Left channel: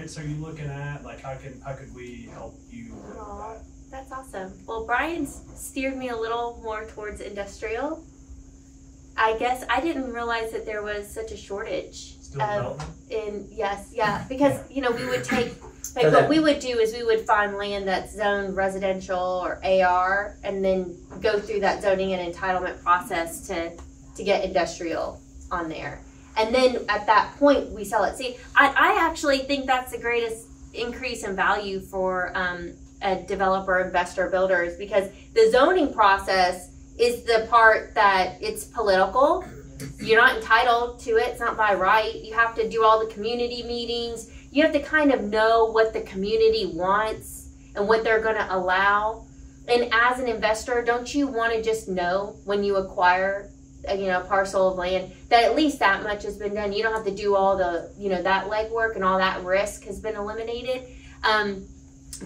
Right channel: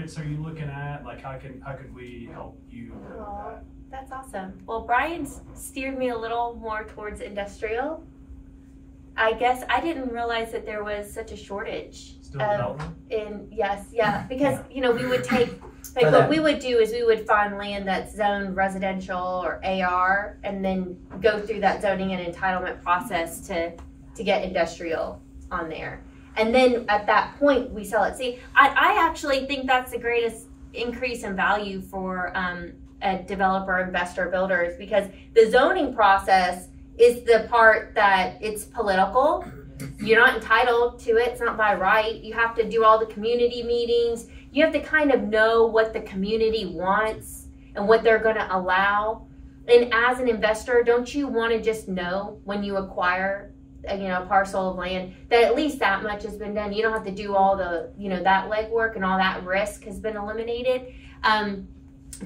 markets are you looking at? Like, how could we help you with that? That's awesome. Well, Brian's steered me a little more towards industrial. I guess I didn't realize that there was such a shortage. Still development? Because you know, we would take, like, what we would do is we would find land that's zoned residential or AR, and then go through that zoning and entitlement process to get industrial on there. And then at that point, we sell it. See, I actually think that's the greatest increase in value for a developer, investor, builders, because the zoning process is the part that it's political. You're not entitled to it. It's not by right. You have to do all the community meetings. You have to kind of know what the community wants and what they're going to allow. And as an investor, don't you want to just know when you acquire a parcel of land that at least that much has been done? You don't have to do all the, that legwork, and all that risk has been eliminated.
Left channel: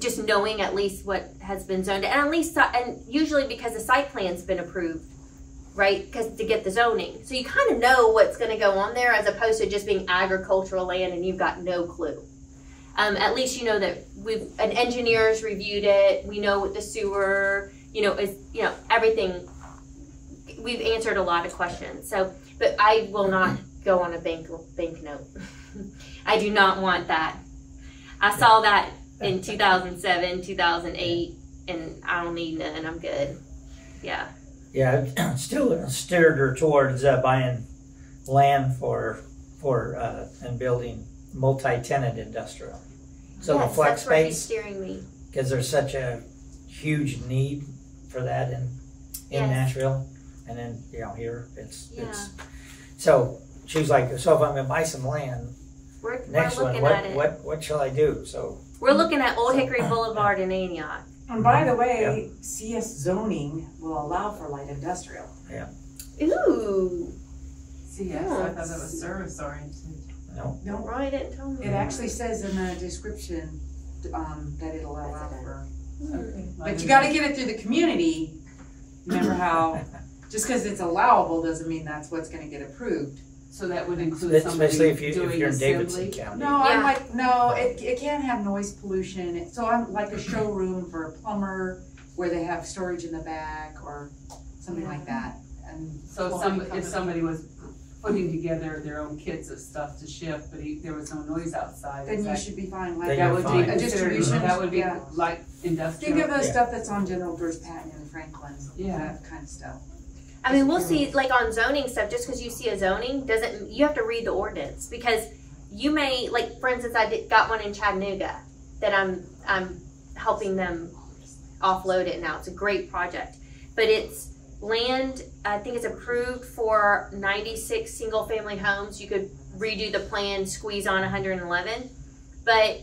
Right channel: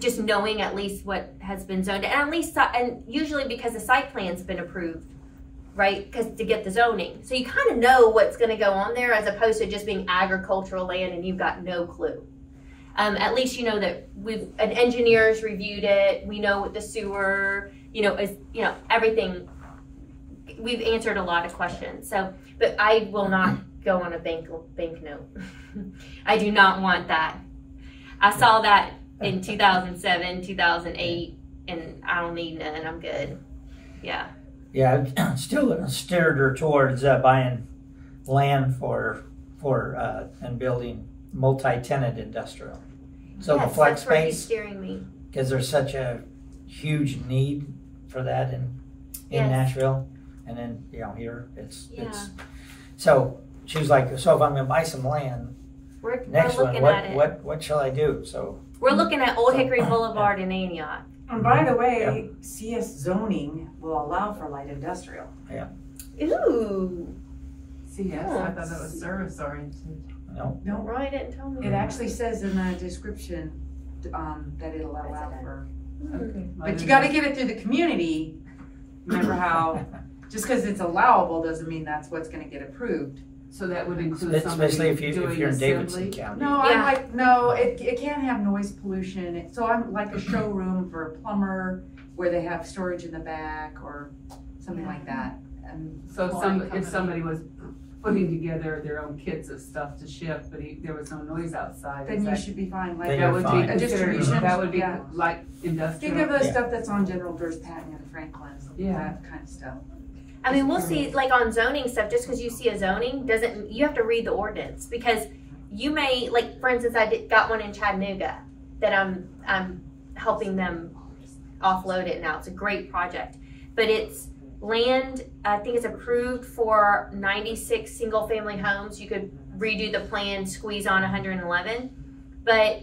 Just knowing at least what has been zoned, and usually because the site plan's been approved, right? Because to get the zoning, so you kind of know what's going to go on there, as opposed to just being agricultural land and you've got no clue. At least you know that an engineer's reviewed it. We know what the sewer, is, everything. We've answered a lot of questions. So, but I will not go on a bank note. I do not want that. I saw that in 2007, 2008, and I don't need none. I'm good. Yeah. Yeah, I still steered her towards buying land for and building multi-tenant industrial. So yes, the flex that's where space, he's steering me, because there's such a huge need for that in Nashville, and then here it's so she was like, so if I'm going to buy some land, next one, what shall I do? So we're looking at Old Hickory Boulevard in Antioch. And by the way, CS zoning will allow for light industrial. Yeah. Ooh. CS, I thought that was service oriented. No. No, Roy didn't tell me. It actually says in the description that it'll allow for. Okay. But you got to get it through the community. Remember how just because it's allowable doesn't mean that's what's going to get approved. So that would include especially if you're in assembly? Davidson County. No, it can't have noise pollution. So I'm like a showroom for a plumber where they have storage in the back or something like that. And so if somebody was putting together their own kits of stuff to ship, but there was no noise outside, then you should be fine. Like that would be a distribution. That would be like industrial. Think of the stuff that's on General Doors Patton and Franklin. That kind of stuff. I mean, we'll see, like on zoning stuff, just because you see a zoning you have to read the ordinance, because you may, like, for instance, got one in Chattanooga that I'm helping them offload it now. It's a great project, but it's land, I think it's approved for 96 single family homes. You could redo the plan, squeeze on 111, but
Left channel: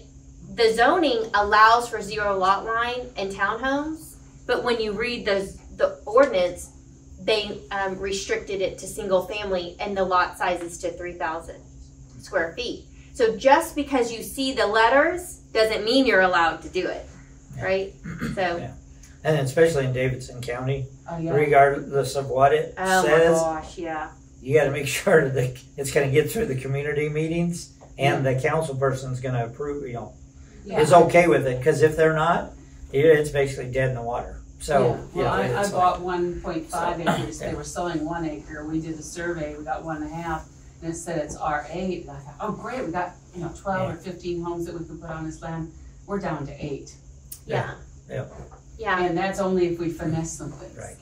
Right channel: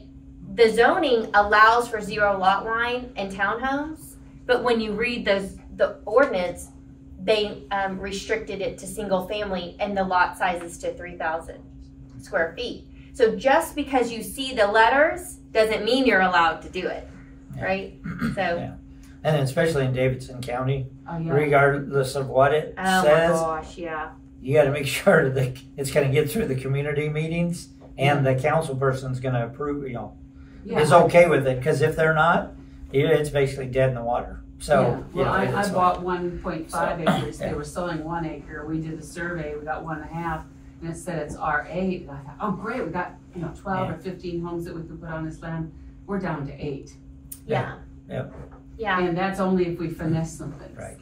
the zoning allows for 0 lot line and townhomes, but when you read the ordinance, they restricted it to single family, and the lot size is to 3,000 square feet. So just because you see the letters doesn't mean you're allowed to do it, right? So, and especially in Davidson County, regardless of what it says, my gosh, you got to make sure that it's going to get through the community meetings, and the council person's going to approve, is okay with it. Because if they're not, it's basically dead in the water. So, I bought 1.5 acres. They were selling 1 acre. We did a survey. We got 1.5, and it said it's R8. And I thought, oh great, we got 12 or 15 homes that we could put on this land. We're down to 8. Yeah. And that's only if we finesse something. Right.